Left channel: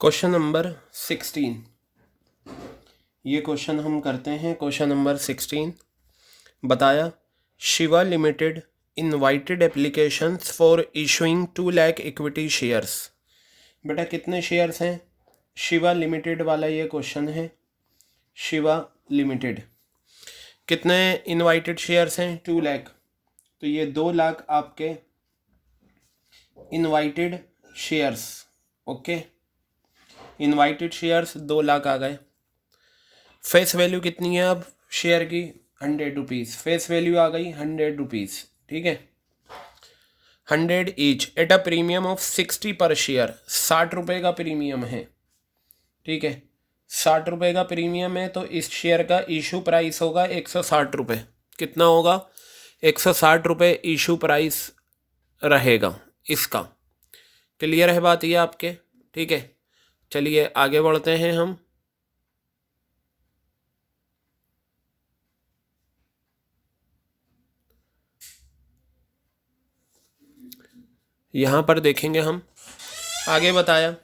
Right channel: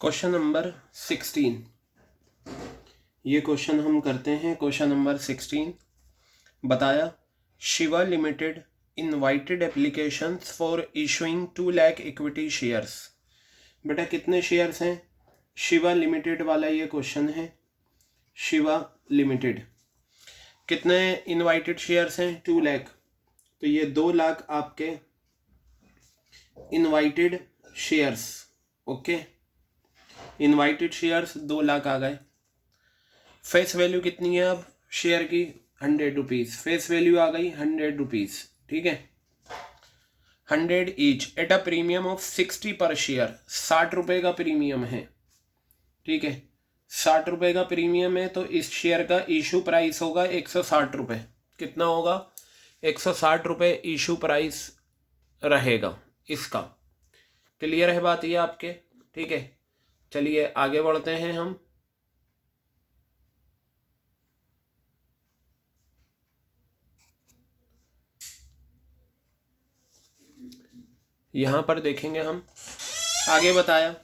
Question number 16। ये question हम करते हैं। क्वेश्चन नंबर 16 बताया, Shiva limited invited applications for issuing 2 lakh equity shares. बेटा कितने शेयर्स हैं? शिवा लिमिटेड वाला ये क्वेश्चन है। शिवा लिमिटेड कितने इनवाइटेड शेयर्स हैं? 2 लाख। तो ये 2 लाख आपके invited shares. Okay, invited shares 2 lakh आ गए। फेस वैल्यू कितनी है अब शेयर की? 100 रुपीज़। फेस वैल्यू आ गई 100 रुपीज़। ठीक है, 100 each at a premium of 60 पर शेयर। 60 रुपये का प्रीमियम है। ठीक है, 60 रुपये का प्रीमियम है तो इस शेयर का इशू प्राइस होगा 160 रुपये। कितना होगा? 160 रुपये इशू प्राइस रहेगा इसका। क्लियर है बात ये आपके? ठीक है, चलिए आगे बढ़ते हैं हम। यहाँ पर देखेंगे हम। आगे बताया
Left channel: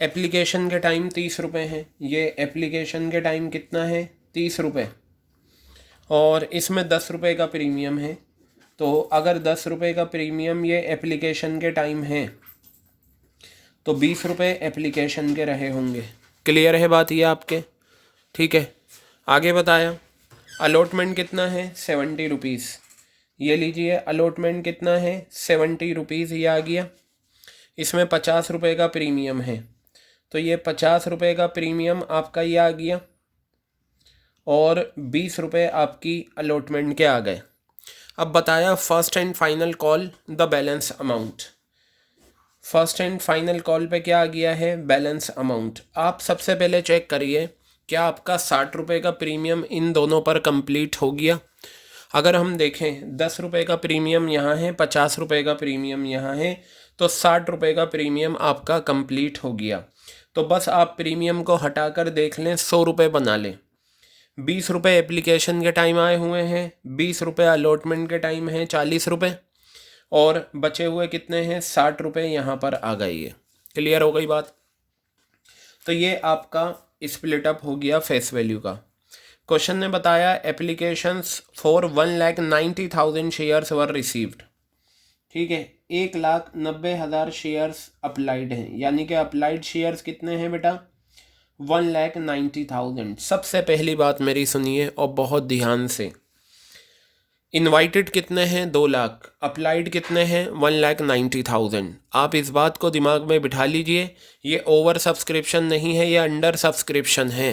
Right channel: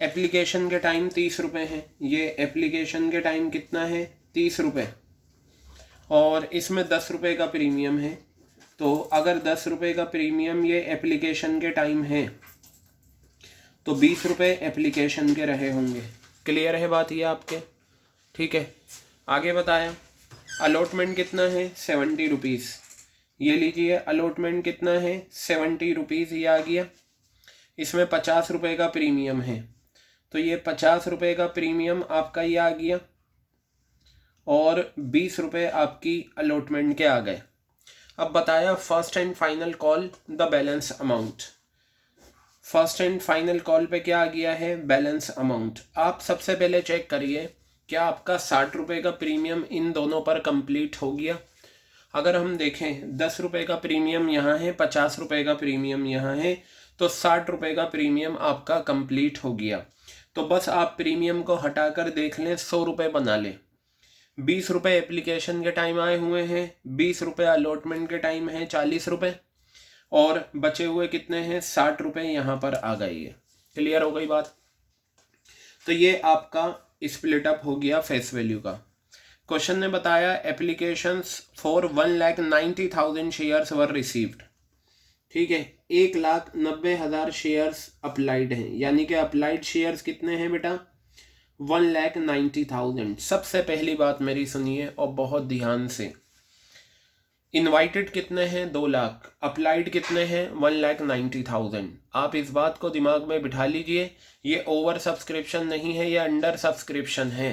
एप्लीकेशन के टाइम 30 रुपये हैं। ये एप्लीकेशन के टाइम कितना है? 30 रुपये। और इसमें 10 रुपये का प्रीमियम है। तो अगर 10 रुपये का प्रीमियम ये एप्लीकेशन के टाइम है तो 20 रुपये एप्लीकेशन के रहे होंगे। क्लियर है बात ये आपके? ठीक है, आगे बताया अलॉटमेंट कितना है? 70 रुपीज़। ये लीजिए, अलॉटमेंट कितना है? 70 रुपीज़। ये आ गया। इसमें 50 रुपये का प्रीमियम है तो ये 50 रुपये का प्रीमियम आपका ये आ गया और 20 रुपये आपकी अलॉटमेंट के आ गए। अब बताया first and final call the balance amount. First and final call पे क्या आ गया है? Balance amount. आप सबसे पहले चेक करिए क्या आपका 60 रुपये का प्रीमियम इन दोनों पर कंप्लीट हो गया। अगर हम देखें 10 रुपये का प्रीमियम यहाँ है, 50 रुपये का प्रीमियम यहाँ है, तो 60 रुपये का प्रीमियम आपका कंप्लीट हो गया। तो बस आप प्रीमियम को हटाकर देख लें, 100 रुपये बना लें। 20 रुपये एप्लीकेशन के टाइम आए हुए हैं, 20 रुपये अलॉटमेंट के टाइम है 40 रुपये, और बचे हुए कितने हैं? 60 रुपये यहाँ पर आ गई है। क्लियर हो गई बात? तो ये आपका स्प्लिट अप हो गया फेस वैल्यू का। क्वेश्चन ने बताया applications for 1,90,000 shares were received. ठीक है, 1,90,000 शेयर्स अप्लाइड हैं, यानी कि अप्लाइड शेयर्स कितने हैं बेटा? 1,90,000। सबसे पहली बात मेरी सुनिए और बहुत ध्यान से। इनवाइटेड कितने हैं? 2 लाख। अप्लाइड कितने हैं? 1,90,000। आप इस बात को दिमाग में बिठा लीजिए, ये ओवर सब्सक्रिप्शन नहीं है, ये अंडर सब्सक्रिप्शन है।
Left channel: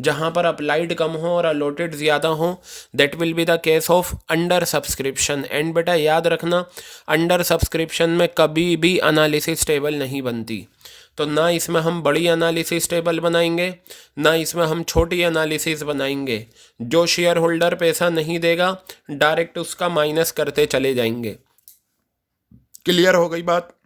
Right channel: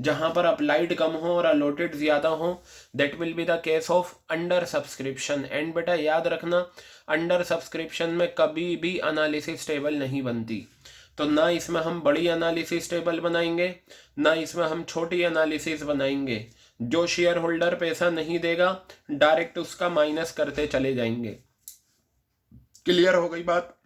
जहाँ पर अप्लाइड कम हो और अलॉटेड ज़्यादा हो, that will be the case of under subscription. And बेटा याद रखना, अंडर सब्सक्रिप्शन में कभी भी एनालिसिस टेबल नहीं बनती। तो ना इसमें हम बड़ी एनालिसिस टेबल बनाएंगे, ना इसमें हम छोटी एनालिसिस बनाएंगे। जो शेयर होल्डर पैसा नहीं देगा डायरेक्ट उसका माइनस करते चले जाएंगे। क्लियर हो गई बात?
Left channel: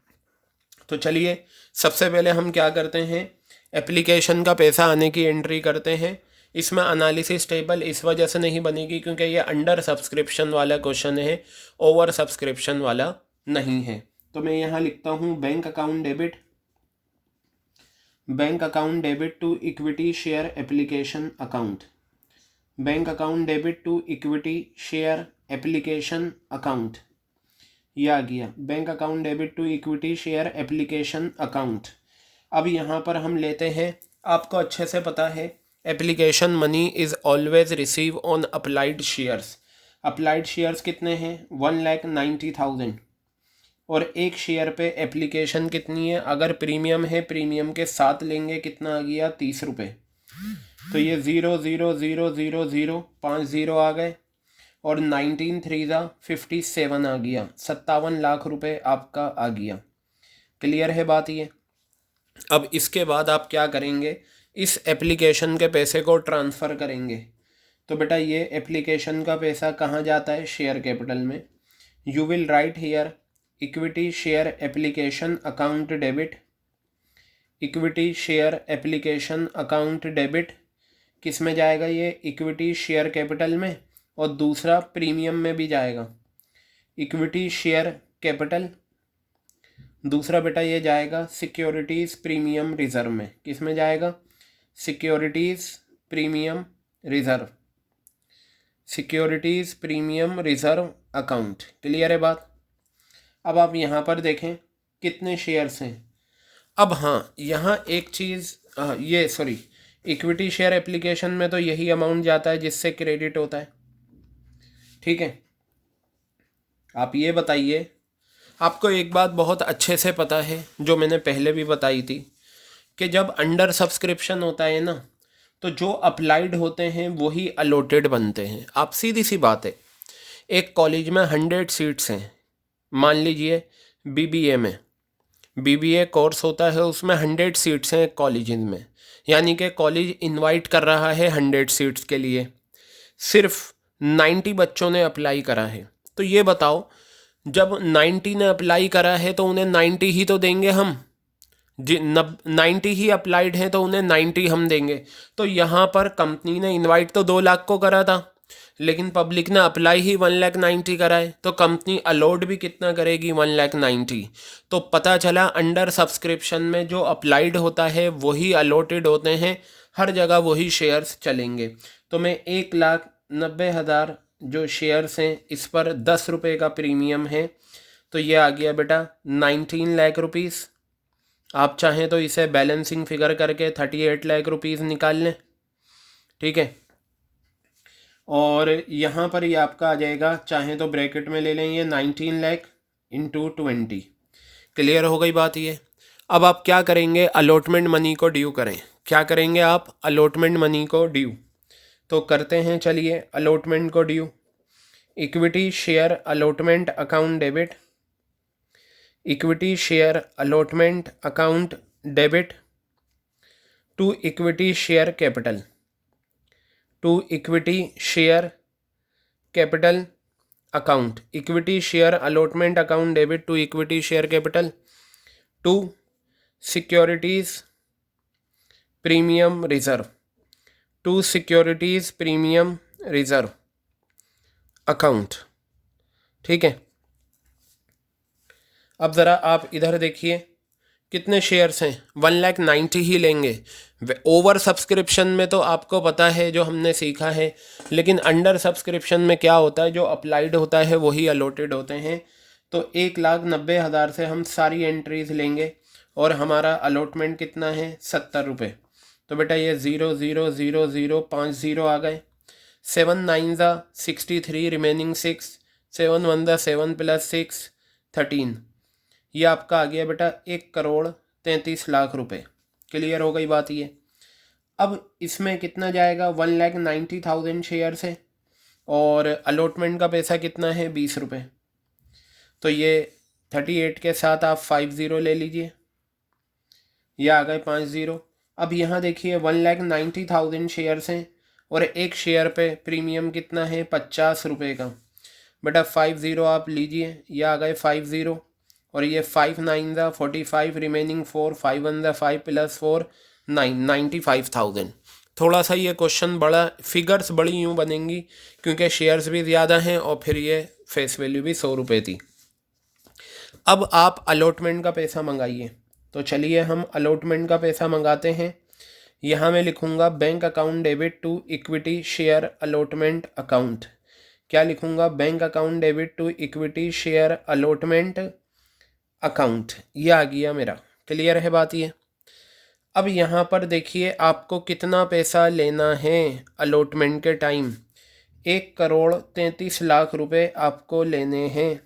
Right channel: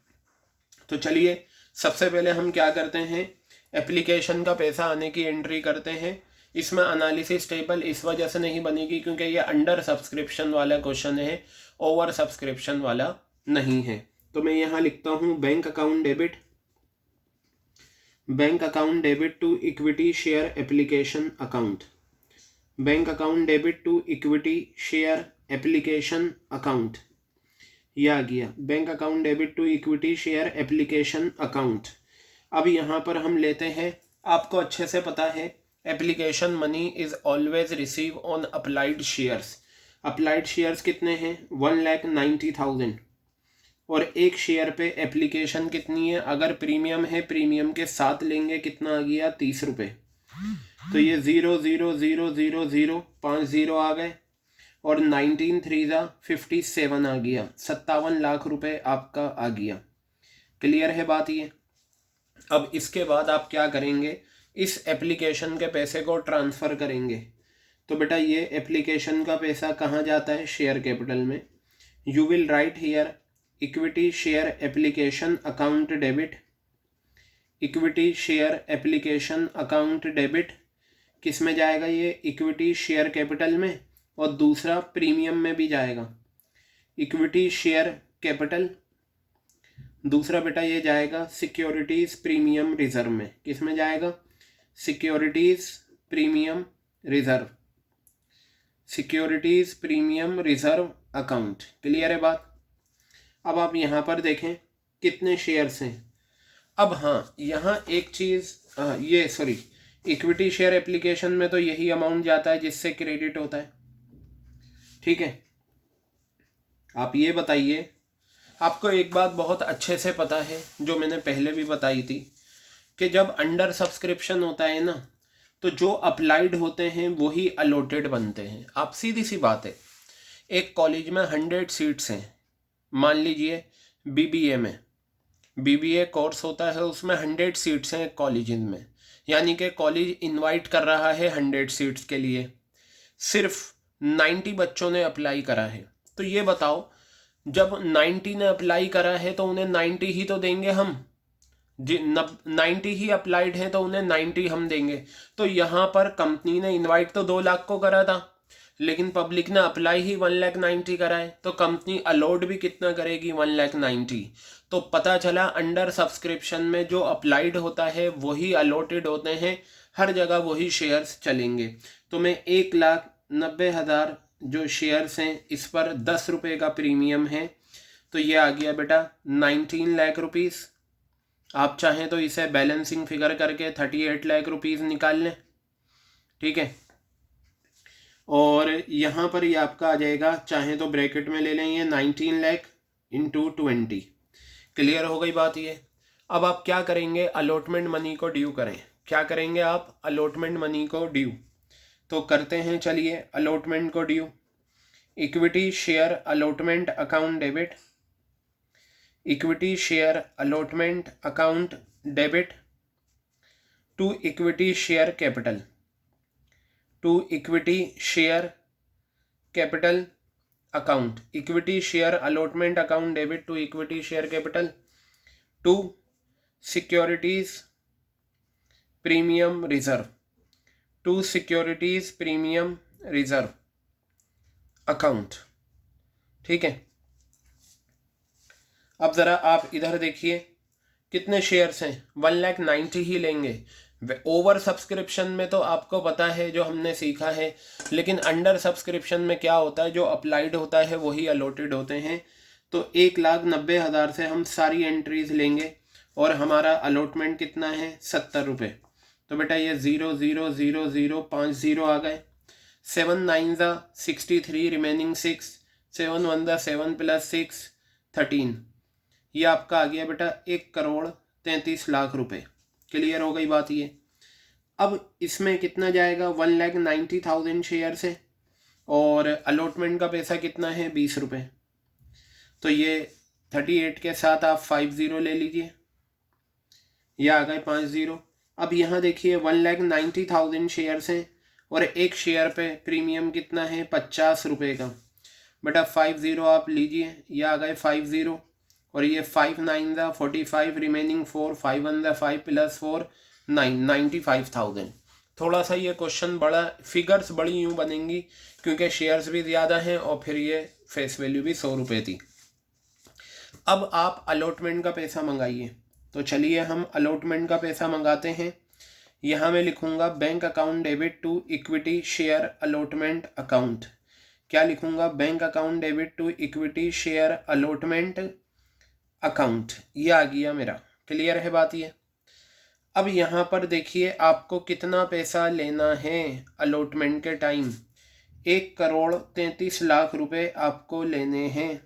तो चलिए सबसे पहले हम क्या करते हैं, एप्लीकेशन का पैसा आने की एंट्री करते हैं। इसमें एनालिसिस टेबल इस वजह से नहीं बनेगी क्योंकि ये अंडर सब्सक्रिप्शन वाला क्वेश्चन है, ओवर सब्सक्रिप्शन वाला नहीं है। तो मैं यहाँ लिखता हूँ bank account debit, bank account debit to equity share application account, bank account debit to equity share application account. ये आ गया bank account debit to equity share application account. अब यहाँ पर हम लेते हैं, आपको अच्छे से पता है application money is always receive on applied shares. Applied shares कितने हैं? 1,90,000। और एक शेयर पे एप्लीकेशन कितनी है? अगर प्रीमियम है, प्रीमियम के साथ लेंगे, कितना आ गया? 30 रुपये। तो ये 0,0,0,0,0 5 0 आ गए और 19 3 57 आ गया। 57 लाख रुपए आपका आ गया। क्लियर है बात ये? अब इसके बाद आप क्या करेंगे, इस एप्लीकेशन के पैसे को ट्रांसफ़र करेंगे। तो बेटा ये एप्लीकेशन का पैसा कहाँ जाता है? शेयर कैपिटल में। You will write here equity share application account debit, equity share application account debit किस में जाएगा? ये इक्विटी शेयर कैपिटल में, और दूसरा प्रीमियम में भी जाएगा। इक्विटी शेयर कैपिटल दूसरा बेटा ये जाएगा सिक्योरिटीज़ प्रीमियम रिजर्व में। किस में जाएगा? Securities premium reserve, securities premium reserve account. Clear है बात? अब आप यहाँ पर देखें कितने शेयर्स हैं। अब हाँ, यहाँ एक चीज़, ये सॉरी, इक्विटी शेयर एप्लीकेशन में तो यही अमाउंट जाता है जिससे क्रेडिट होता है। ठीक है, आप ये बताइए, आपको एक बात बहुत अच्छे से पता है जो मैंने पहले भी बताई थी कि जब अंडर सब्सक्रिप्शन होता है ना, तो जो अप्लाइड होते हैं वही अलॉटेड बनते हैं। आप सीधी सी बात है, एक कॉलेज में 100 सीट्स हैं, मान लीजिए बीबीए में, बीबीए कोर्स होता है, उसमें 100 सीट्स हैं कॉलेज में, यानी कि कॉलेज इनवाइट कर रहा है 100 सीट्स के लिए, सिर्फ 90 बच्चों ने अप्लाई करा है। तो ये बताओ, जब 90 ने अप्लाई करा है तो उन्हें 90 ही तो देंगे हम, 90 ही अप्लाइड हैं तो उन्हें 90 हम देंगे। तो यहाँ पर कंपनी ने इनवाइट तो 2 लाख को करा था, लेकिन पब्लिक ने अप्लाई ही 1,90,000 करा है, तो कंपनी अलॉट भी कितना करेगी? 1,90,000। तो पता चला अंडर सब्सक्रिप्शन में जो अप्लाइड होता है वही अलॉटेड होते हैं, हर जगह वही शेयर्स चलेंगे। तो मैं 1,90,000 जो शेयर्स हैं इस पर 10 रुपये का प्रीमियम है, तो ये आ गया बेटा 19 लाख रुपीज़। आप चाहें तो इसे बैलेंसिंग फिगर करके 38 लाख रुपीज़ निकाल लें। ठीक है, और यहाँ पर ये आपका आ जाएगा, चाहें तो ब्रैकेट में ले लें, ये 19 लाख इंटू 20। क्लियर हो गई बात ये? अब आप क्या करेंगे? अलॉटमेंट मनी को ड्यू करें। क्या करेंगे आप? अलॉटमेंट मनी को ड्यू। तो करते हैं, चलिए अलॉटमेंट को due. Equity share allotment account debit, equity share allotment account debit to equity share capital, to equity share capital account, equity share allotment account debit to equity share capital to securities premium reserve, to securities premium reserve account. ठीक है, अब ज़रा आप इधर देखिए कितने shares हैं, 1,90,000 ही लेंगे। ओवर सब्सक्रिप्शन में तो आपको पता है जो हमने सीखा है, लेकिन अंडर सब्सक्रिप्शन में क्या होता है, जो अप्लाइड होता है वही अलॉटेड होते हैं। तो 1,90,000 से हम सारी एंट्रीज लेंगे और हमारा अलॉटमेंट कितना है? 70 रुपये। तो बेटा ये 0 0 0 0 5 0 आ गए, 7 9 63 रिमेनिंग 6, 7 1 7 + 6 13। ये आपका आ गया बेटा 1,33,00,000 रुपये। क्लियर हो गई बात ये? अब इसमें कितना जाएगा? 1,90,000 शेयर है और अलॉटमेंट का पैसा कितना है? 20 रुपये। तो ये 38 के साथ आप 50 ले लीजिए, ये आ गए 50। अब यहाँ देखिए 1,90,000 शेयर्स हैं और एक शेयर पे प्रीमियम कितना है? 50 रुपये का। बेटा 50 आप लीजिए, ये आ गए 50 और ये 5 9 45 रिमेनिंग 4, 5 1 5 + 4 9, 95,000। थोड़ा सा ये क्वेश्चन बड़ा, फिगर्स बड़ी यूँ बनेंगी क्योंकि शेयर्स भी ज़्यादा हैं और फिर ये फेस वैल्यू भी 100 रुपये थी। अब आप अलॉटमेंट का पैसा मंगाइए। तो चलिए हम अलॉटमेंट का पैसा मंगाते हैं। यहाँ मैं लिखूँगा bank account debit to equity share allotment account. क्या लिखूँगा? Bank account debit to equity share allotment account. ये आ गया मेरा। क्लियर है बात ये? अब यहाँ पर देखिए आपको कितना पैसा लेना है अलॉटमेंट के टाइम? 1,33,00,000 रुपये आपको लेने हैं।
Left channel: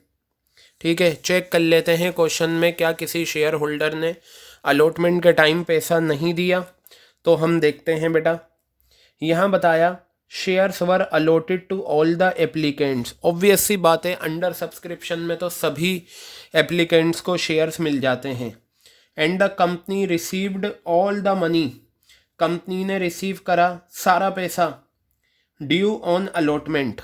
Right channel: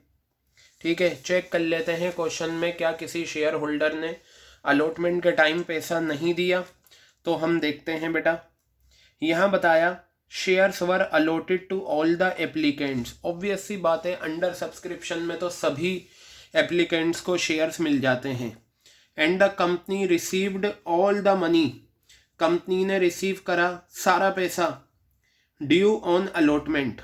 ठीक है, चेक कर लेते हैं क्वेश्चन में क्या किसी शेयर होल्डर ने अलॉटमेंट के टाइम पैसा नहीं दिया। तो हम देखते हैं बेटा, यहाँ बताया shares were allotted to all the applicants. Obvious सी बात है, अंडर सब्सक्रिप्शन में तो सभी एप्लीकेंट्स को शेयर्स मिल जाते हैं। And the company received all the money, company ने रिसीव करा सारा पैसा ड्यू ऑन अलॉटमेंट।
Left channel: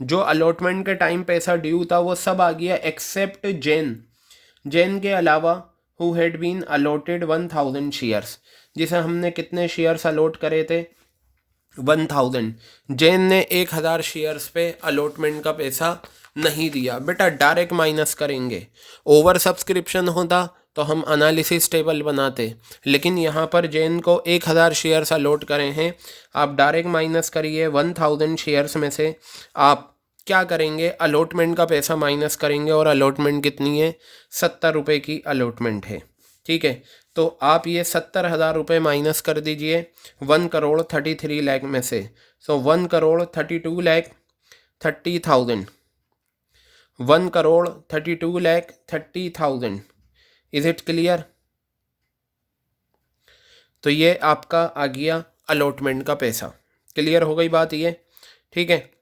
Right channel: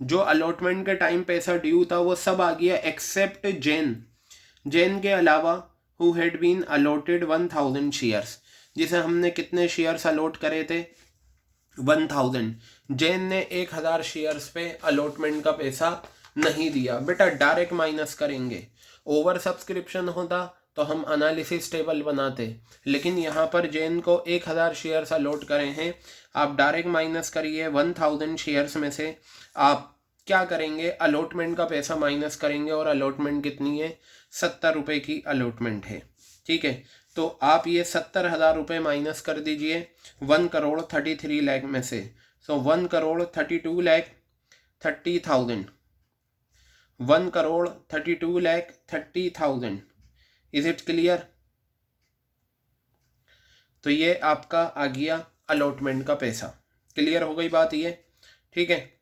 जो अलॉटमेंट के टाइम पैसा ड्यू था वो सब आ गया एक्सेप्ट जैन, जैन के अलावा who had been allotted 1,000 shares, जिसे हमने कितने शेयर्स अलॉट करे थे? 1,000। जैन ने 1,000 शेयर्स पे अलॉटमेंट का पैसा नहीं दिया। बेटा डायरेक्ट माइनस करेंगे, ओवर सब्सक्रिप्शन होता तो हम एनालिसिस टेबल बनाते, लेकिन यहाँ पर जैन को 1000 शेयर्स अलॉट करें हैं। आप डायरेक्ट माइनस करिए 1000 शेयर्स में से आप क्या करेंगे, अलॉटमेंट का पैसा माइनस करेंगे, और अलॉटमेंट कितनी है, 70 रुपये की अलॉटमेंट है। ठीक है, तो आप ये 70,000 रुपये माइनस कर दीजिए 1,33,00,000 में से। सो 1,32,30,000, 1,32,30,000। Is it clear? तो ये आपका आ गया अलॉटमेंट का पैसा। क्लियर हो गई बात ये? ठीक है,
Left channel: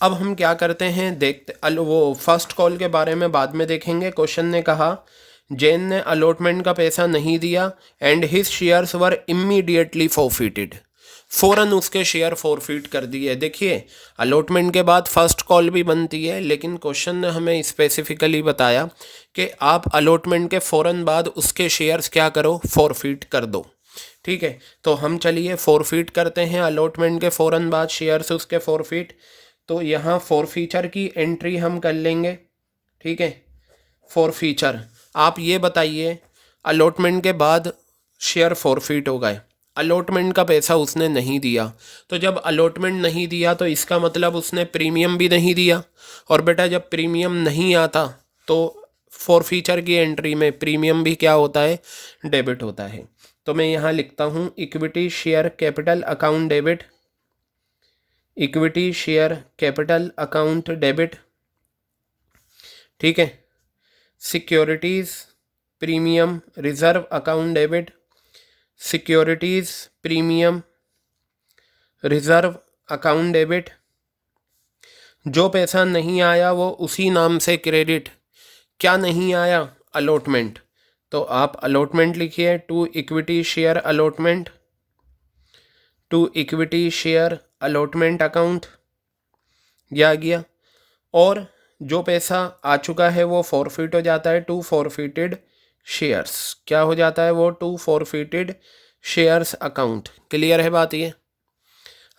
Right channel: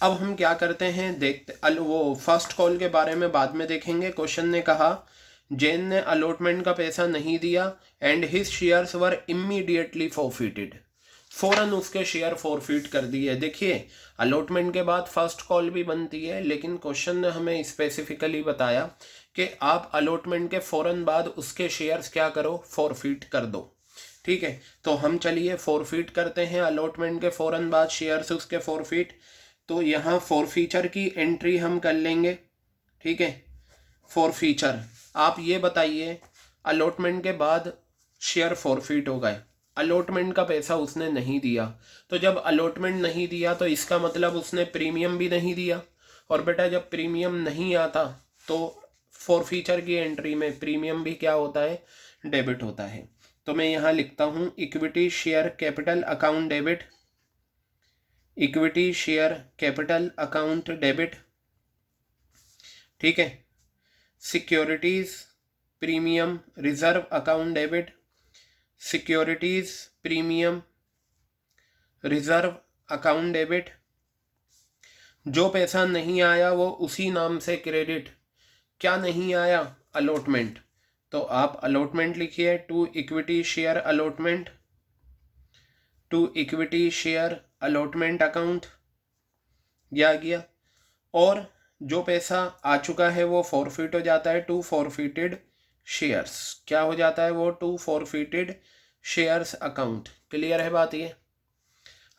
अब हम क्या करते हैं, देखते, वो फर्स्ट कॉल के बारे में बाद में देखेंगे। क्वेश्चन ने कहा जैन ने अलॉटमेंट का पैसा नहीं दिया and his shares were immediately forfeited, फ़ौरन उसके शेयर फॉरफिट कर दिए। देखिए, अलॉटमेंट के बाद फर्स्ट कॉल भी बनती है, लेकिन क्वेश्चन ने हमें स्पेसिफिकली बताया कि आप अलॉटमेंट के फ़ौरन बाद उसके शेयर्स क्या करो, फॉरफिट कर दो। ठीक है, तो हम चलिए फॉरफिट करते हैं अलॉटमेंट के फ़ौरन बाद शेयर्स उसके फॉरफिट। तो यहाँ फॉरफीचर की एंट्री हम कर लेंगे। ठीक है, फॉरफीचर, आप ये बताइए अलॉटमेंट के बाद शेयर फॉरफिट हो गए, अलॉटमेंट का पैसा उसने नहीं दिया, तो जब अलॉटमेंट नहीं दिया तो इसका मतलब उसने प्रीमियम भी नहीं दिया, और बेटा जब प्रीमियम नहीं आता तो फॉरफीचर की एंट्री में प्रीमियम भी क्या होता है, डेबिट होता है। तो मैं यहाँ लिखता हूँ equity share capital account debit, equity share capital account debit. ठीक है, securities premium reserve account debit, securities premium reserve account debit. जो पैसा नहीं आया वो उसी नाम से क्रेडिट। क्या नहीं आया, अलॉटमेंट, तो आप अलॉटमेंट लिखिए, to equity share allotment, to equity share allotment account, यह आ गया। और जो पैसा आ चुका है वो फॉरफिट हो जाता है, टू फॉरफिटेड शेयर्स, क्या हो जाता है वो, to forfeited shares account. Clear है बात ये?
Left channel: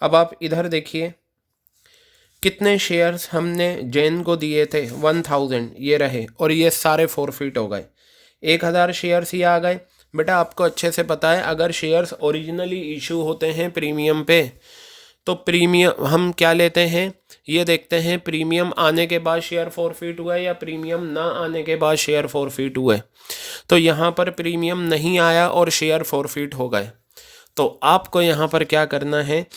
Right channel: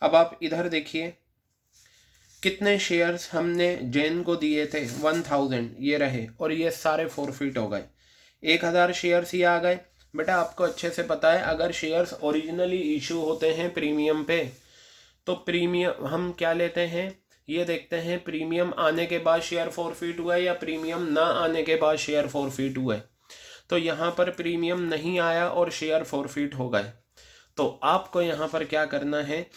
अब आप इधर देखिए कितने शेयर्स हमने जैन को दिए थे, 1000, ये रहे, और ये सारे फॉरफिट हो गए। 1000 शेयर्स ही आ गए। बेटा आपको अच्छे से पता है, अगर शेयर्स ओरिजिनली इशू होते हैं प्रीमियम पे, तो प्रीमियम हम क्या लेते हैं, ये देखते हैं प्रीमियम आने के बाद शेयर फॉरफिट हुआ या प्रीमियम ना आने के बाद शेयर फॉरफिट हुए। तो यहाँ पर प्रीमियम नहीं आया और शेयर फॉरफिट हो गए, तो आपको यहाँ पर क्या करना है,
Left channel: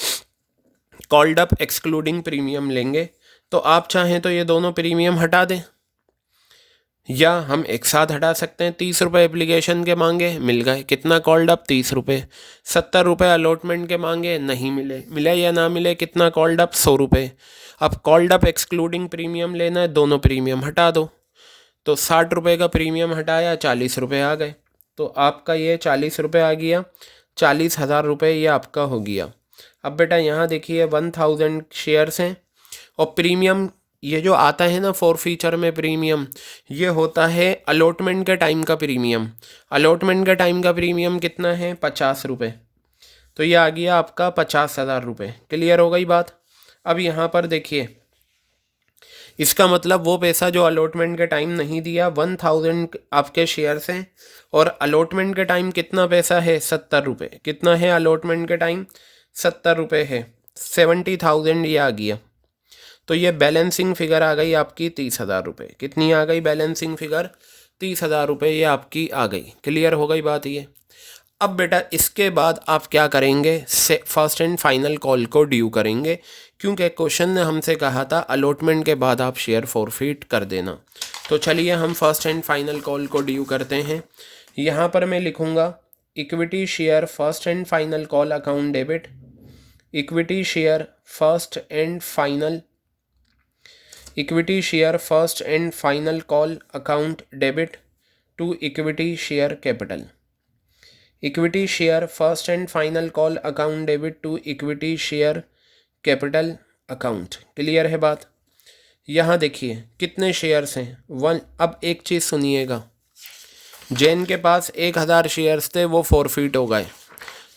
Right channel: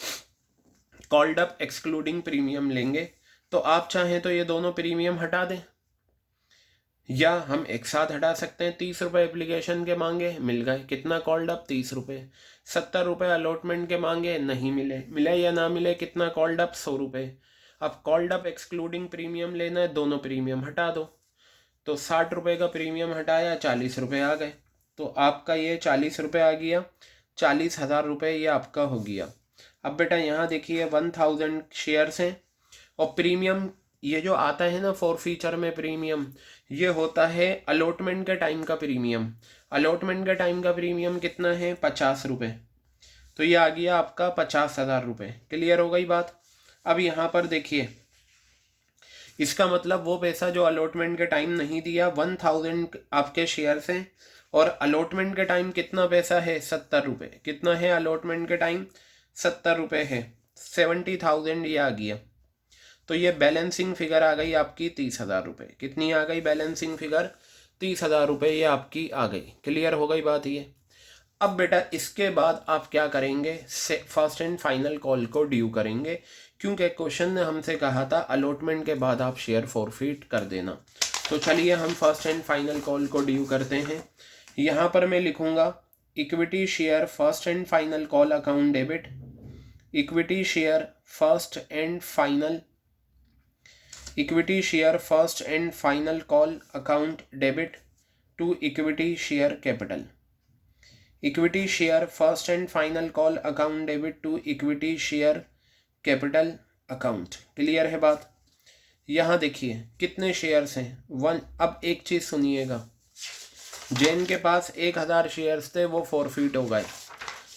कॉल्ड अप एक्सक्लूडिंग प्रीमियम लेंगे। तो आप चाहें तो ये दोनों प्रीमियम हटा दें, या हम एक साथ हटा सकते हैं। 30 रुपये एप्लीकेशन के मांगे, मिल गए, कितना कॉल्ड अप, 30 रुपये। 70 रुपये अलॉटमेंट के मांगे, नहीं मिले, मिले या ना मिले, कितना कॉल्ड अप, 100 रुपये। अब कॉल्ड अप एक्सक्लूडिंग प्रीमियम लेना है, दोनों प्रीमियम हटा दो, तो 60 रुपये का प्रीमियम हटाया, 40 रुपये आ गए। तो आपका ये 40 रुपये आ गया, 40,000 रुपये ये आपका हो गया। अब बेटा यहाँ देखिए 1000 शेयर्स हैं, और प्रीमियम ये जो आता है ना फॉरफीचर में प्रीमियम, ये होता है अलॉटमेंट के टाइम का प्रीमियम। अलॉटमेंट के टाइम का प्रीमियम कितना है, 50 रुपये। तो ये आ गया आपका 50,000 रुपये। क्लियर हो गई बात? अब यहाँ पर देखिए, इसका मतलब वो पैसा जो अलॉटमेंट के टाइम नहीं दिया, 1000 आपके शेयर्स हैं, और अलॉटमेंट के टाइम कितना पैसा है, 70 रुपये। कितना है अलॉटमेंट के टाइम, 70 रुपये है, 70,000 ये आ गया। तो ये बैलेंसिंग फिगर आ गई आपकी 30,000 रुपये। कितनी आ गई बैलेंसिंग फिगर, 30,000 रुपये ये आपकी आ गई। क्लियर हो गई बात ये? अब बेटा इसके बाद आप क्या करेंगे, फर्स्ट एंड फाइनल कॉल को ड्यू करेंगे, क्योंकि क्वेश्चन ने हमसे कहा था अलॉटमेंट के बाद आप शेयर फॉरफिट कर देना। तो चलिए हम फर्स्ट एंड फाइनल कॉल को ड्यू करते हैं। यहाँ पर मैं लिखूँगा equity share first and final call account debit, equity share first and final, equity share first and final call account debit to equity share capital, equity share first and final call account debit to equity share capital account. Clear है बात? यहाँ देखिए कितने shares हैं, 1। अब एक चीज़ सुनिएगा, जैन के पास 1000 शेयर्स थे, वो फॉरफिट हो गए,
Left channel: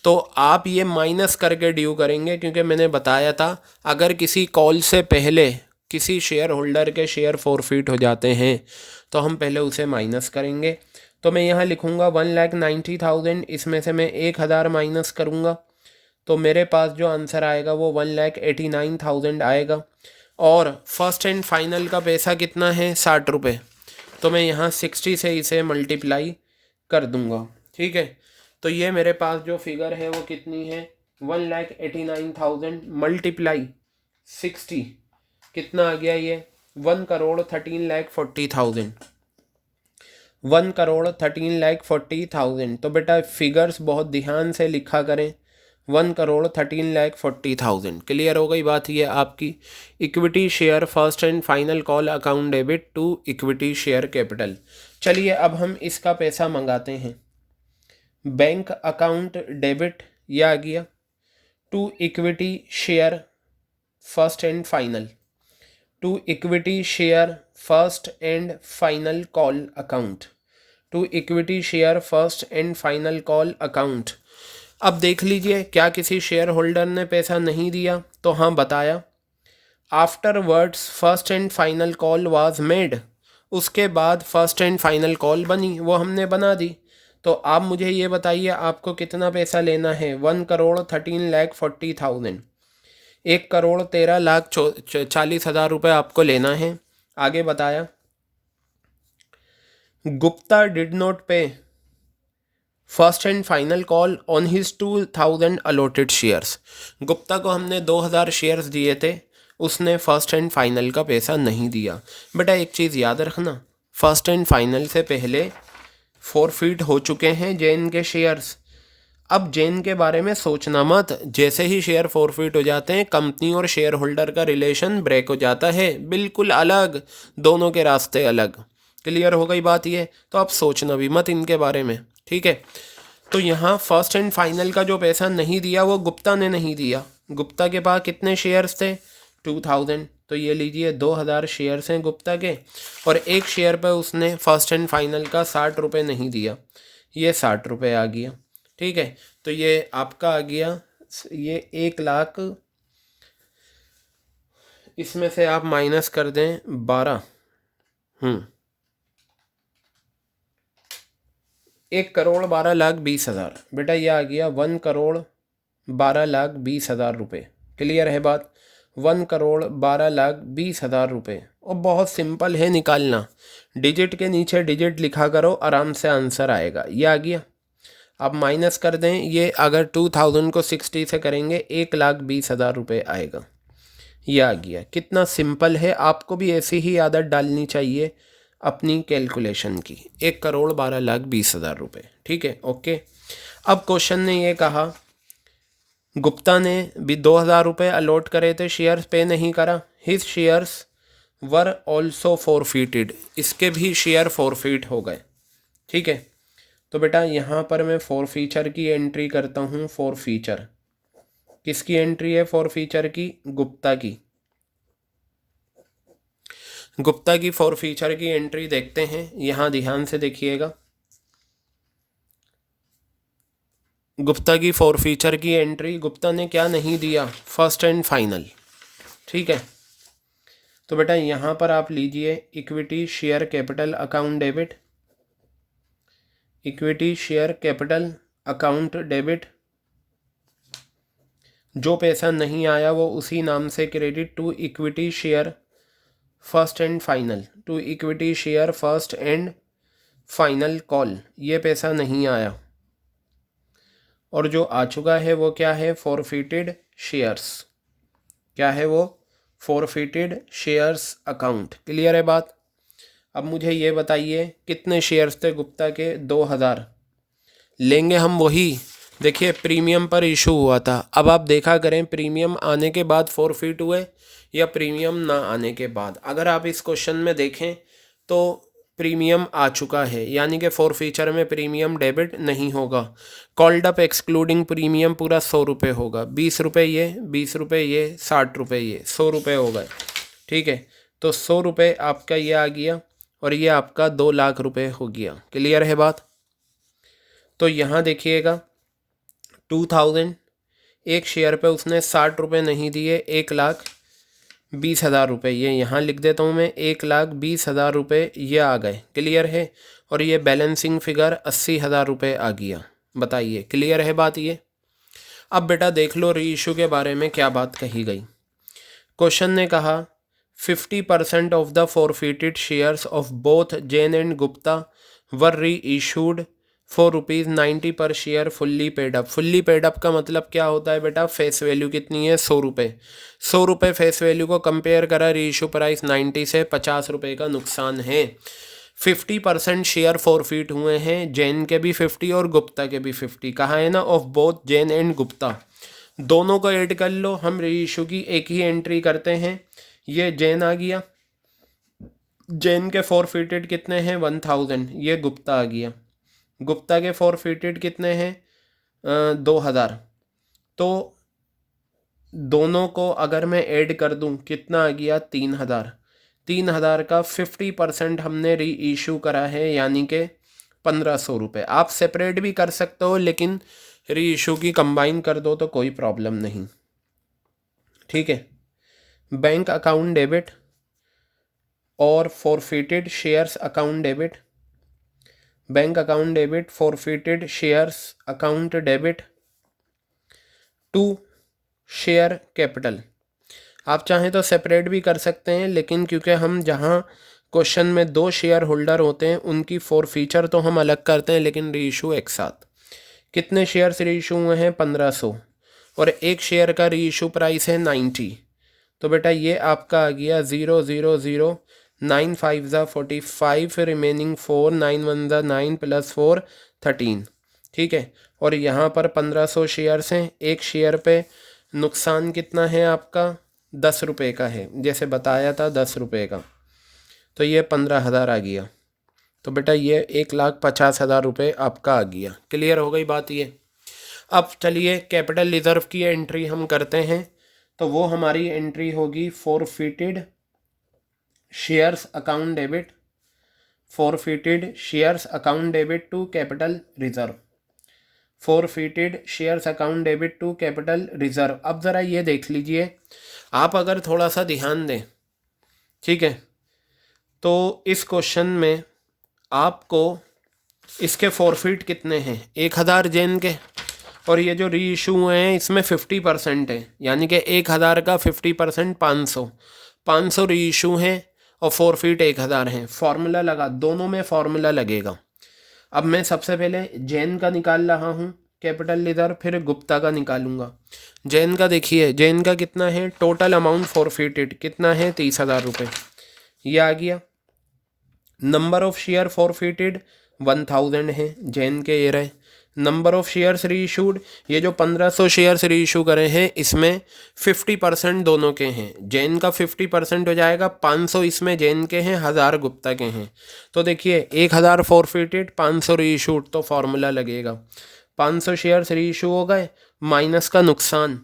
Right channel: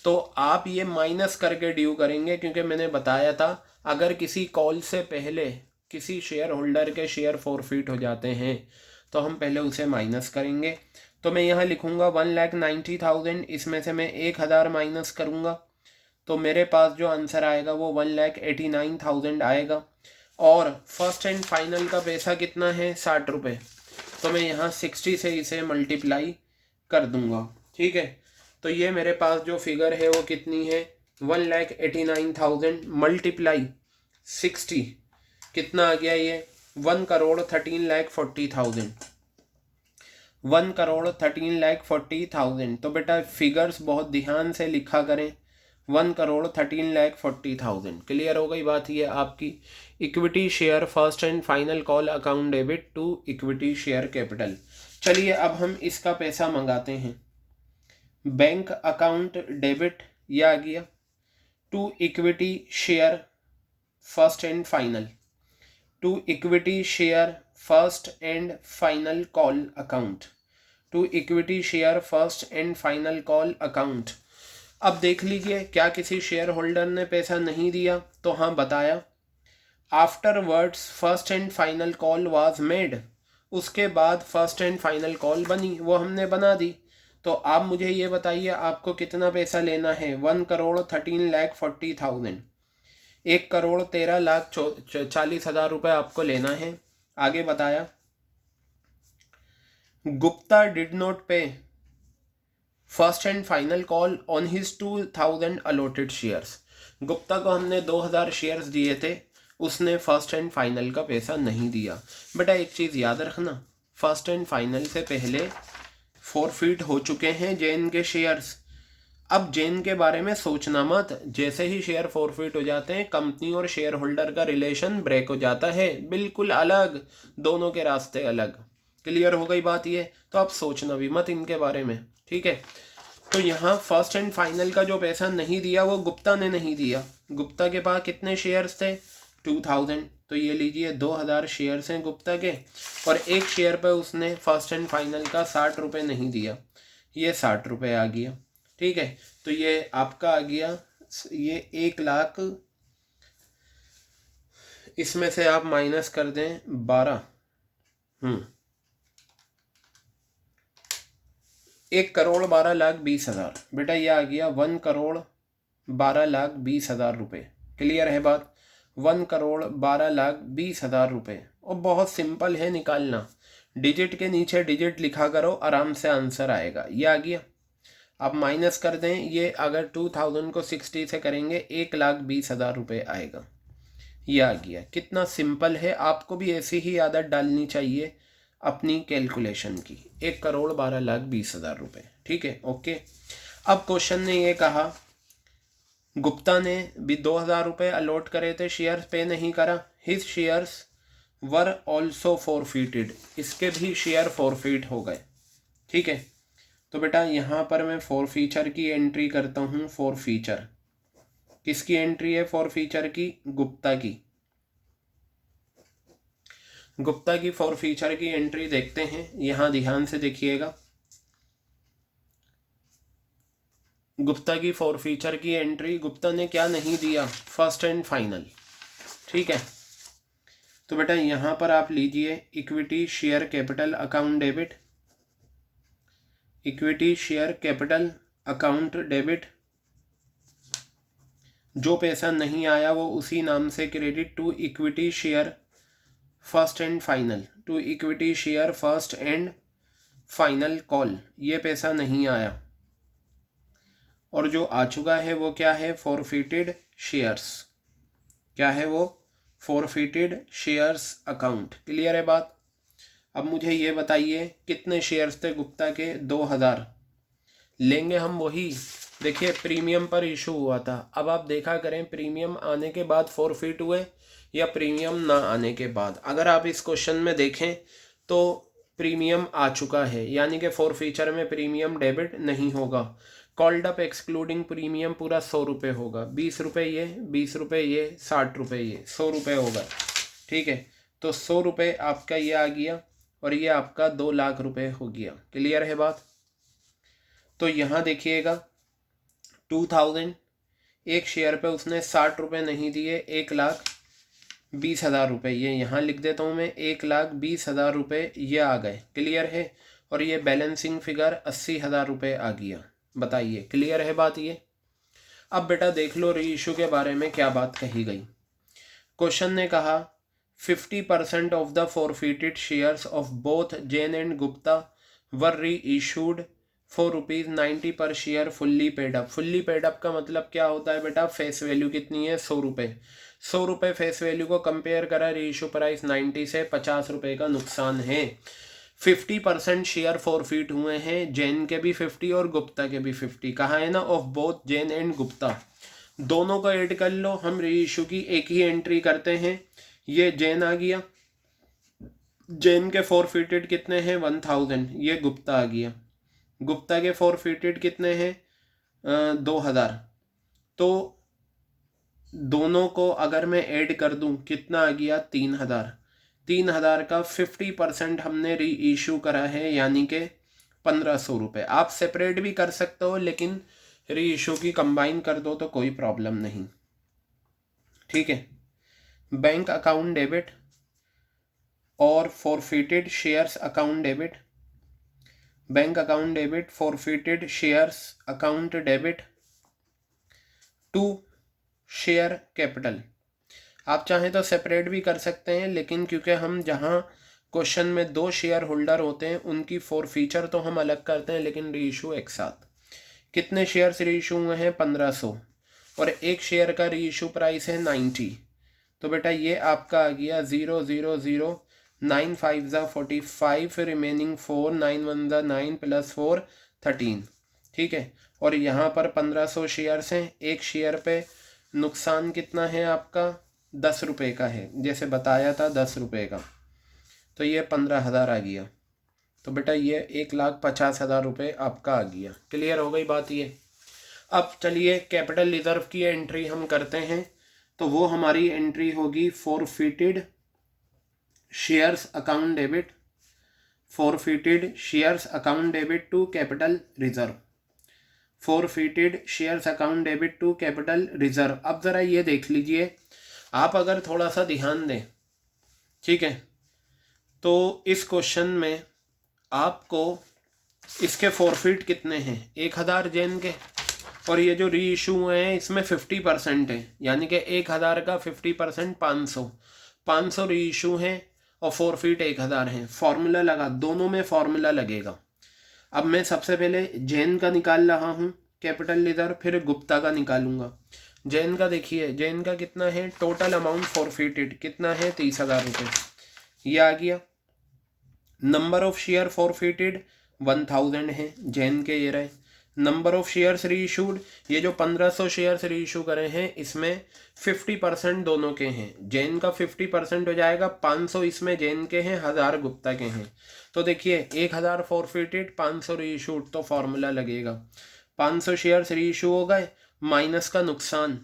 तो आप ये माइनस करके ड्यू करेंगे, क्योंकि मैंने बताया था अगर किसी कॉल से पहले किसी शेयर होल्डर के शेयर फॉरफिट हो जाते हैं तो हम पहले उसे माइनस करेंगे। तो मैं यहाँ लिखूँगा 1,90,000, इसमें से मैं 1,000 माइनस करूँगा तो मेरे पास जो आंसर आएगा वो 1,89,000 आएगा। और फर्स्ट एंड फाइनल का पैसा कितना है, 60 रुपये। तो मैं यहाँ 60 से इसे मल्टीप्लाई कर दूँगा, ठीक है। तो ये मेरे पास जो फिगर है वो कितनी है, 1,89,000 मल्टीप्लाई 60 कितना आ गया, ये 1,13,40,000, 1,13,40,000। तो बेटा फिगर्स बहुत ध्यान से लिखा करें, 1,13,40,000। क्लियर हो गई बात ये आपकी। Equity share first and final call account debit to equity share capital. चलिए अब हम इसका पैसा मंगाते हैं। बैंक अकाउंट डेबिट ये आ गया to equity share first and final, to equity share first and final call account, to equity share first and final call account. अब देख लीजिए क्या किसी शेयर होल्डर ने पैसा नहीं दिया, तो हाँ बताया। After words first and final call was made, उसके बाद फर्स्ट एंड फाइनल कॉल बनी, वो हमने बना दी। तो आप मुझे ये बताइए आपको कितना पैसा लेना है, 1,13,40,000, 1,13,40,000 रुपये आपको लेना है। आगे बताया गुप्ता डिड नॉट पे first and final call on his 2,000 allotted shares. Gupta को हमने 2,000 शेयर्स दिए थे, उसने फर्स्ट एंड फाइनल का पैसा नहीं दिया। बेटा एक चीज़ याद रखना, फर्स्ट एंड फाइनल से पहले फॉरफिट हो चुके हैं जैन के शेयर्स। अब जैन के बारे में सोचना मत, जैसे ही शेयर फॉरफिट हो जाते हैं कंपनी और शेयर होल्डर का रिलेशन ब्रेक हो जाता है, बिल्कुल अलग, दोनों के रास्ते अलग। क्लियर हो गई बात ये, तो आप सोचना भी मत इनके बारे में, ठीक है। तो यहाँ फर्स्ट एंड फाइनल का जो पैसा नहीं दिया वो गुप्ता ने नहीं दिया। गुप्ता के पास कितने शेयर्स थे, 2,000, तो ये लीजिए 2,000 शेयर्स हैं गुप्ता के, और एक शेयर पर उसने फर्स्ट एंड फाइनल का 60 रुपये नहीं दिया, ये 60 रुपये आ गया, ठीक है। तो ये आपका आ गया, ये 1,00,000, इसमें से आप माइनस कर दें 12, 1,12,20,000। बेटा ये आ गया 1,12,20,000 रुपये। क्लियर है बात, 1,12,20,000 रुपये। और बहुत सिंपल है निकालना, डिजिट के नीचे डिजिट लिखा करो, आराम से आंसर आएगा। ये आ गया, आप माइनस कर दें, ये अगर 2,000 को 60 से करेंगे 1,20,000 रुपये आएगा। ये आ गया, कितना सिंपल है। आपको भी ऐसी ही आदत डालनी चाहिए अपनी कैलकुलेशन की, 1,12,20,000 रुपये, ठीक है, ओके। अब क्वेश्चन ने ये कहा गुप्ता ने भी 2,000 रुपये अलॉट करे थे, शेयर्स पे नहीं करा, his shares were also forfeited, इसके भी शेयर फॉरफिट हो गए, ठीक है। तो बेटा यहाँ पर मैं फॉरफीचर की एंट्री करता हूँ। फॉरफीचर किसकी एंट्री है, फॉरफीचर की, गुप्ता की। गुप्ता की फॉरफीचर की एंट्री देखते हैं, यहाँ ध्यान से देखिएगा। गुप्ता की फॉरफीचर की एंट्री, गुप्ता ने क्या नहीं दिया, फर्स्ट एंड फाइनल, ठीक है। तो बेटा यहाँ पर आप लीजिए equity share capital account debit, equity share capital account debit, जो पैसा नहीं आया वो उसी नाम से credit to equity share first and final, to equity share first and final call, ये पैसा नहीं आया। और जो आ चुका है वो क्या है, फॉरफिटेड शेयर्स, क्या है वो, फॉरफिटेड शेयर्स अकाउंट। क्लियर है बात। अब मुझे ये बताइए कितने शेयर्स थे गुप्ता के, 2,000 लेंगे हम वही। देखिए प्रीमियम पर इशू हुआ था, अब आप देखा करें प्रीमियम आने के बाद फॉरफिट हुए या प्रीमियम ना आने के बाद। अगर आप इस क्वेश्चन में देखें तो प्रीमियम आ चुका है, यानी कि फॉरफीचर में प्रीमियम डेबिट नहीं होगा। कॉल्ड अप एक्सक्लूडिंग प्रीमियम पूरा 100 रुपये होगा, 20 रुपये ये, 20 रुपये ये, 60 रुपये ये, 100 रुपये हो गए, ठीक है। तो 100 रुपये आपका ये आ गया और ये आपका 2,00,000 रुपये हो गया। क्लियर है बात। तो यहाँ देखिएगा 2,000, एक शेयर पे उसने 60 रुपये नहीं दिए, 1,00,000, 20,000 रुपये, ये यहाँ लिख देता हूँ मैं, 1,20,000 रुपये ये आ गए, क्लियर है। और ये बैलेंसिंग फिगर 80,000 रुपये आ गया। बताइए क्लियर है बात ये। अब बेटा देख लो री इशू के बारे में क्या बात कही गई। क्वेश्चन ने कहा 50% of the forfeited shares of both Jain and Gupta were reissued for ₹90 per share fully paid up. Fully paid up का मतलब क्या होता है बेटा, फेस वैल्यू कितनी है, 100 रुपये। 100 रुपये फेस वैल्यू को कंपेयर करा री इशू प्राइस 90 से, 50 रुपये का नुकसान है। 50% शेयर फॉरफिट हुए हैं, जैन के भी 50 और गुप्ता के भी 50। कहा है ना, of both Jain and Gupta, दोनों को ऐड कर लो। हम री इशू की एक ही एंट्री करते हैं, ये जैन आ गया, जैन के फॉरफिटेड कितने हैं 1000, ये गुप्ता आ गया, गुप्ता के फॉरफिटेड कितने हैं 2000। तो दोनों को अगर मैं ऐड कर दूं कितना आ गया 3000। 3000 का 50% हमने री इशू करा है, यानी कि 1500 रुपये। आप सेपरेट भी कर सकते हो, लेकिन री इशू की कंबाइन कर दो तो कोई प्रॉब्लम नहीं, ठीक है। बैंक अकाउंट डेबिट और forfeited shares account debit, bank account debit, forfeited shares account debit to share capital. आप चाहें तो सेपरेट भी कर सकते हैं, लेकिन क्योंकि हम जहां क्वेश्चन में 2 शेयर होल्डर होते हैं उनकी फॉरफीचर तो हम अलग करते हैं, लेकिन री इशू एक साथ। कितने शेयर्स री इशू हुए हैं 1500, और एक शेयर का री इशू प्राइस है 90। तो बेटा ये आपका आ गया 000 9 5 45, रिमेनिंग 4, 9 1 9 + 4 13, ठीक है। और यहाँ पर 1500 शेयर्स हैं, एक शेयर पे नुकसान कितना है आपका 10 रुपये का है, जैसे बताया था 10 रुपये का, तो ये 15,000 आ गया। तो बेटा ये 1,50,000 आपका आ गया। क्लियर हो गई बात ये। अब चलिए कैपिटल रिजर्व की एंट्री हम करते हैं, तो वो हमारी एंट्री होगी forfeited shares account debit, forfeited shares account debit to capital reserve, forfeited shares account debit to capital reserve. अब ज़रा ये देख लीजिए, आप अगर थोड़ा सा ध्यान दें, ठीक है, तो इस क्वेश्चन में आपको इसके फॉरफिट कितने हैं 1000 जैन के, और ये जो री इशू हुए हैं इसमें 50% है, यानी कि 1000 का 50% 500 री इशू हैं और फॉरफिट 1000 हैं। फार्मूला लगा, दोनों में फार्मूला लगेगा। अब मैं सबसे पहले जैन का निकाल रहा हूँ कैपिटल रिजर्व, फिर गुप्ता का निकालूंगा। जैन का देखिए, जैन का कितना है, टोटल अमाउंट फॉरफिटेड कितना है 30,000 रुपये, ये आ गया। नंबर ऑफ शेयर फॉरफिटेड 1000 है, जैन के ये रहे। नंबर ऑफ शेयर्स री इशूड, ये जो 1500 शेयर्स री इशू करे हैं इसमें 50% दोनों के हैं, जैन का 50% हो जाएगा, 500 इसमें जैन के हैं, 1000 गुप्ता के हैं। तो देखिए 1000 फॉरफिटेड 500 री इशूड, तो फार्मूला लगेगा 500 शेयर्स री इशू हो गए माइनस का नुकसान।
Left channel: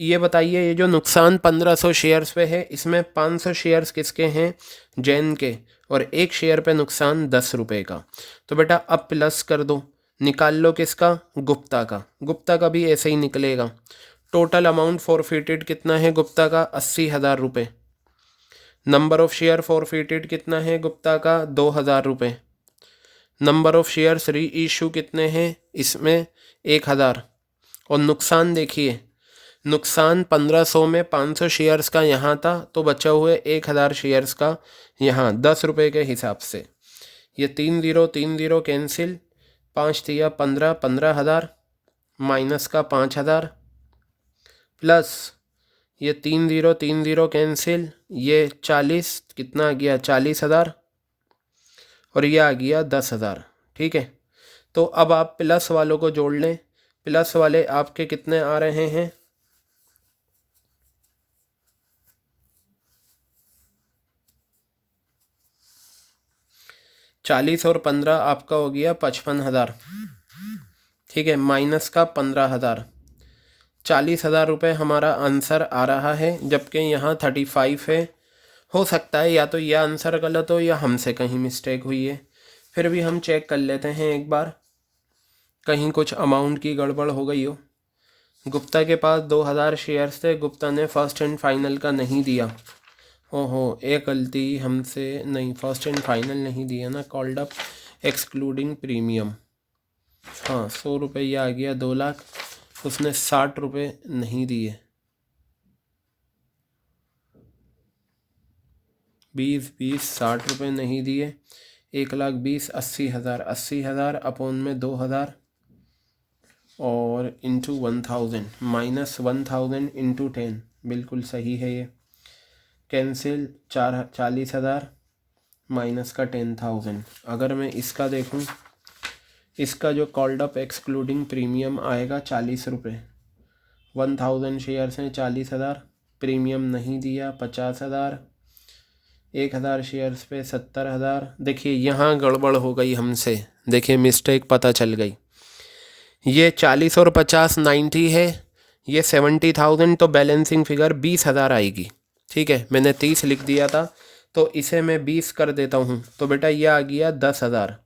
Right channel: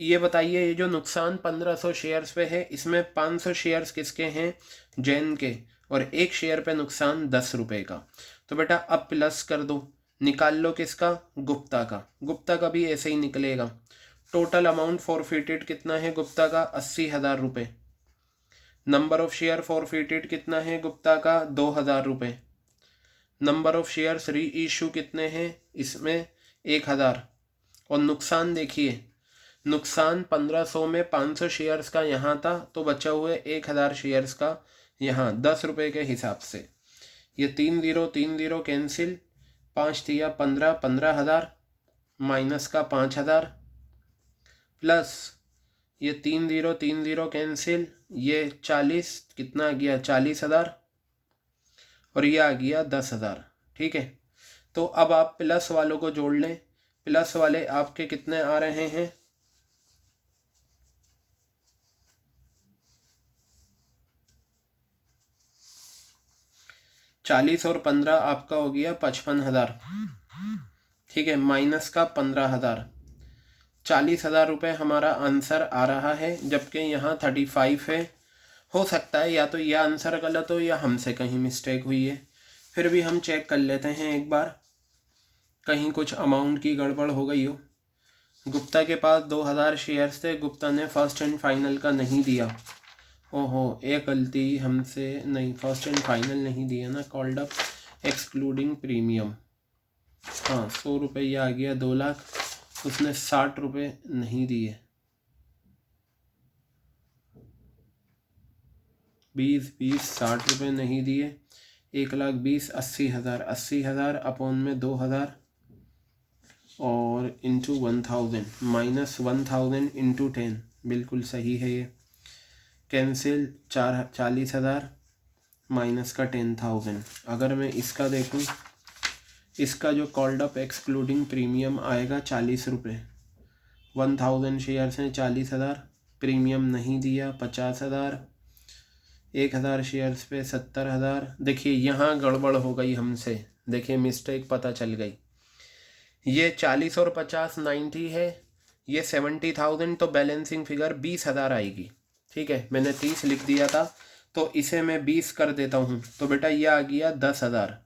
ये बताइए ये जो नुकसान 1500 शेयर्स पे है, इसमें 500 शेयर्स किसके हैं, जैन के, और एक शेयर पे नुकसान 10 रुपये का। तो बेटा अब प्लस कर दो, निकाल लो किसका, गुप्ता का। गुप्ता का भी ऐसे ही निकलेगा। टोटल अमाउंट फॉरफिटेड कितना है गुप्ता का 80,000 रुपये। नंबर ऑफ शेयर फॉरफिटेड कितना है गुप्ता का 2000 रुपये। नंबर ऑफ शेयर्स री इशू कितने हैं इसमें 1000। और नुकसान देखिए, नुकसान 1500 में 500 शेयर्स का यहाँ था, तो बचा हुए 1000 शेयर्स का यहाँ 10 रुपये के हिसाब से। ये 3 0 कैंसिल, 5 दिया 15, 15,000 माइनस का 5000 प्लस ये 3 0 कैंसिल, ये 40, कितना आ गया 40,000, और ये आ गया 10,000, ठीक है। तो अब आप प्लस वालों को जोड़ लें, प्लस वाले आपके कितने आ रहे हैं 40 और 15 आपका हो गया 55,000, ठीक है, माइनस का 15,000, 40,000 रुपये हमारा आंसर आ रहा है, जबकि यहाँ 35 है। हो सकता है या तो यह आंसर गलत हो या हमसे कहीं मिस्टेक हुई है, फिर भी हम चेक कर लेते हैं एक बार, कहीं कुछ अमाउंट की गड़बड़ हो गई हो। गुप्ता के पास 2000 शेयर्स थे, गुप्ता ने फर्स्ट एंड फाइनल का नहीं दिया, ओहो, एक गलती हमसे, नहीं फर्स्ट एंड फाइनल नहीं दिया ना, कॉल्ड अप एक्सक्लूडिंग प्रीमियम। हाँ, 100 रुपये आ गया 2 लाख, उसने 60 रुपये नहीं दिए। 20 60 रुपये नहीं दिए। 1,20,000 80,000, 80,000 अपोन में 2,000 और इंटू 1,000 माइनस 1,000 इंटू 10, बिल्कुल सही है ये। कैंसिल 40,000 माइनस का 10,000। अगर मैं इसका देखूं, इसका जो कॉल्ड अप एक्सक्लूडिंग प्रीमियम आएगा 40 रुपये। 1,000 शेयर्स हैं, 40,000, प्रीमियम नहीं दिया 50,000, 1,000 शेयर्स पे 70,000। देखिए यहाँ गड़बड़ हो गई हमसे, देखिए मिस्टेक पता चल गई। ये 40 और 50 90 है, ये 70,000, तो बैलेंसिंग फिगर 20,000 आएगी। ठीक है, मैंने 30 लिख दिया था, तो इसे मैं 20 कर देता हूँ, तो बेटा ये आ गया 10,000।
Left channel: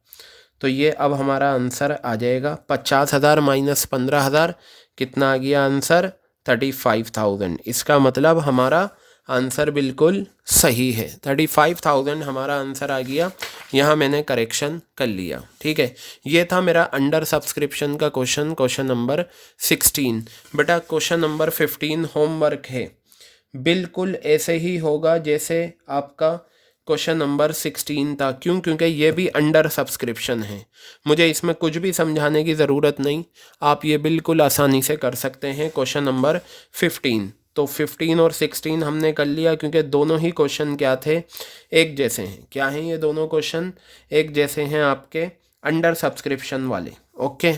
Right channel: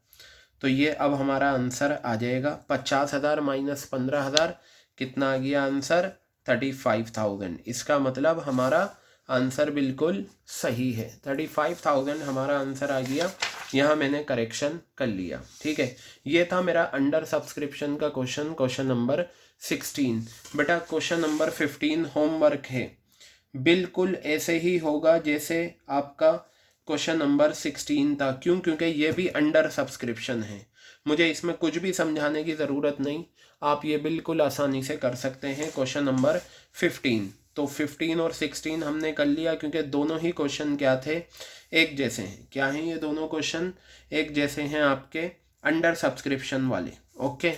तो ये अब हमारा आंसर आ जाएगा 50,000 माइनस 15,000, कितना आ गया आंसर? 35,000। इसका मतलब हमारा आंसर बिल्कुल सही है, 35,000 हमारा आंसर आ गया। यहाँ मैंने करेक्शन कर लिया। ठीक है, ये था मेरा अंडर सब्सक्रिप्शन का क्वेश्चन नंबर 16। बेटा क्वेश्चन नंबर 15 होमवर्क है, बिल्कुल ऐसे ही होगा जैसे आपका क्वेश्चन नंबर 16 था। क्यों? क्योंकि ये भी अंडर सब्सक्रिप्शन है, मुझे इसमें कुछ भी समझाने की ज़रूरत नहीं, आप ये बिल्कुल आसानी से कर सकते हैं। क्वेश्चन नंबर 15, तो 15 और 16 हमने कर लिया, क्योंकि दोनों ही क्वेश्चन क्या थे? एक जैसे हैं। क्या हैं ये दोनों क्वेश्चन? एक जैसे हैं आपके अंडर सब्सक्रिप्शन वाले। ओके।